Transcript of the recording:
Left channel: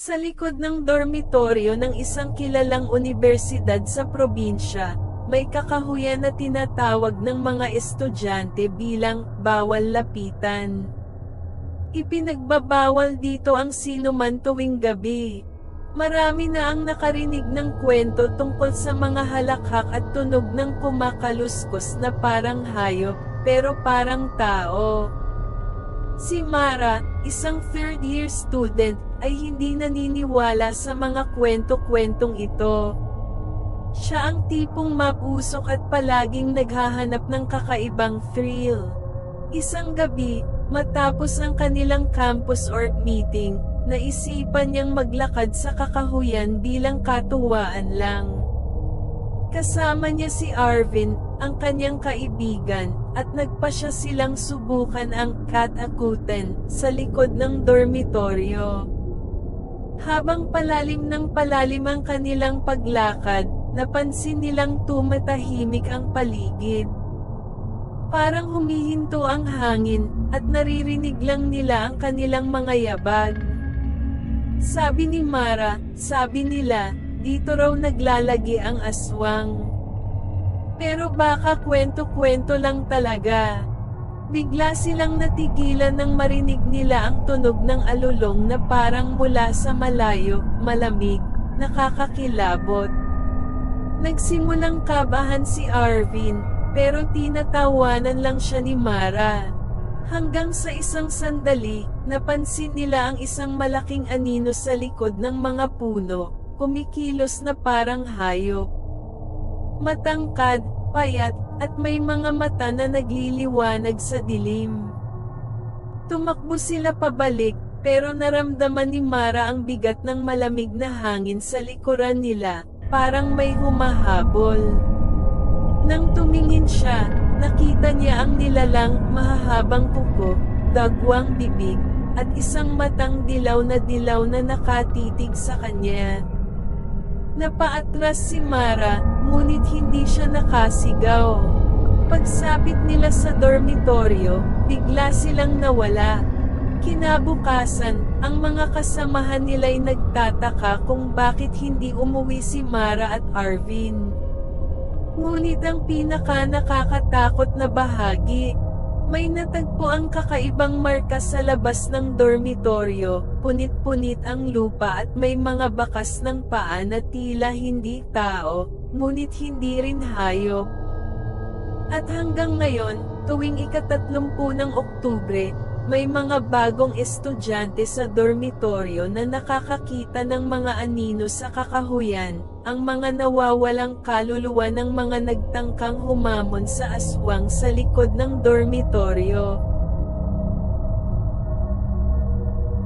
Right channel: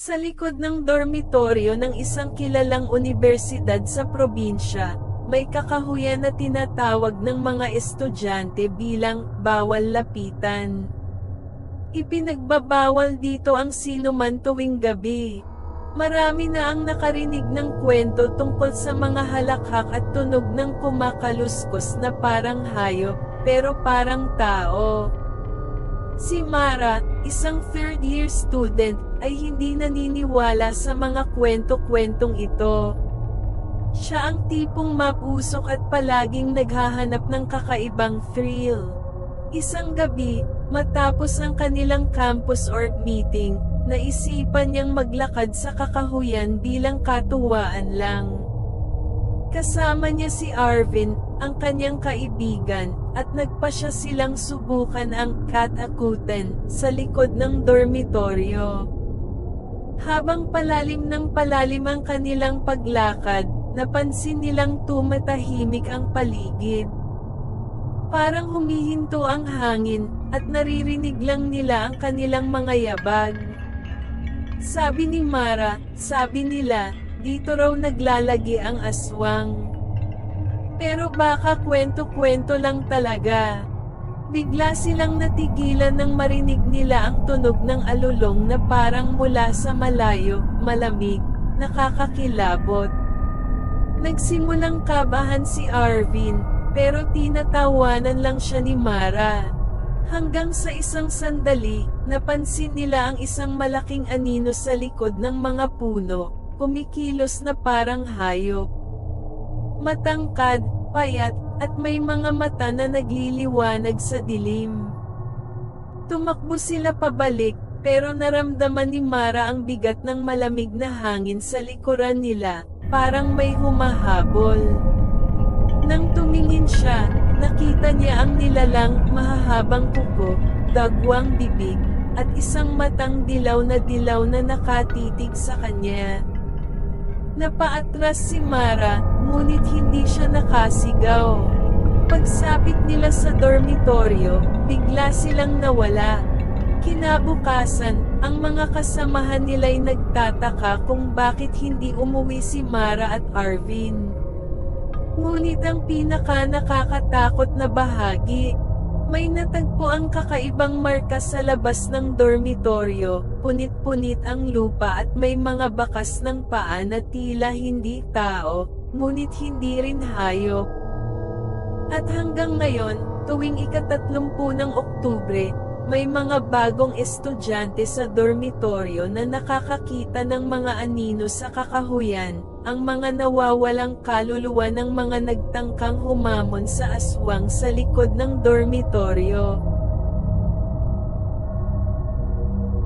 Sa likod ng dormitoryo ng isang kilalang unibersidad sa probinsya, may kakahuyan na tinatawag ng mga estudyante bilang "bawal lapitan". Ipinagbabawal dito ang sinuman tuwing gabi. Marami na ang nakarinig ng kwento tungkol sa mga halakhak at tunog ng kumakaluskos na parang hayop, pero parang tao. Si Mara, isang third-year student, ay hindi naniniwala sa mga kwento-kwentong ito. Siya ang tipong mapusok at palaging naghahanap ng kakaibang thrill. Isang gabi, matapos ang kanilang campus org meeting, naisipan niyang maglakad sa kakahuyan bilang katuwaan lang. Kasama niya si Arvin, ang kanyang kaibigan, at nagpasya silang subukan ang katakutan sa likod ng dormitoryo. Habang palalim ng palalim ang kanilang paglakad, napansin nilang tumatahimik ang paligid. Parang humihinto ang hangin, at naririnig lang nila ang kanilang mga yabag. Sabi ni Mara, sabi nila, dito raw naglalagi ang aswang. Pero baka kwento-kwento lang talaga. Bigla silang natigilan nang marinig nila ang tunog ng alulong na parang mula sa malayo, malamig, nakakakilabot. Nagsimulang kabahan si Arvin, pero tinatawanan lang siya ni Mara. Hanggang sa isang sandali, napansin nila ang isang malaking anino sa likod ng mga puno, kumikilos na parang hayop. Matangkad, payat, at may mga mata na nagliliwanag sa dilim. Tumakbo sila pabalik, pero naramdaman ni Mara ang bigat ng malamig na hangin sa likuran nila, parang may humahabol. Nang tumingin siya, nakita niya ang nilalang mahahabang kuko, dagwang bibig, at isang matang dilaw na nakatitig sa kanya. Napaatras si Mara, ngunit hindi siya nakasigaw. Pagsapit nila sa dormitoryo, bigla silang nawala. Kinabukasan, ang mga kasamahan nila'y nagtataka kung bakit hindi umuwi si Mara at Arvin. Ngunit ang pinaka-nakakatakot na bahagi, may natagpo ang kakaibang marka sa labas ng dormitoryo, punit-punit ang lupa at may mga bakas ng paa na tila hindi tao, ngunit hindi rin hayop. At hanggang ngayon, tuwing ika-30 ng Oktubre, may mga bagong estudyante sa dormitoryo na nakakakita ng mga anino sa kakahuyan, ang mga nawawalang kaluluwa ng mga nagtangkang humamon sa aswang sa likod ng dormitoryo.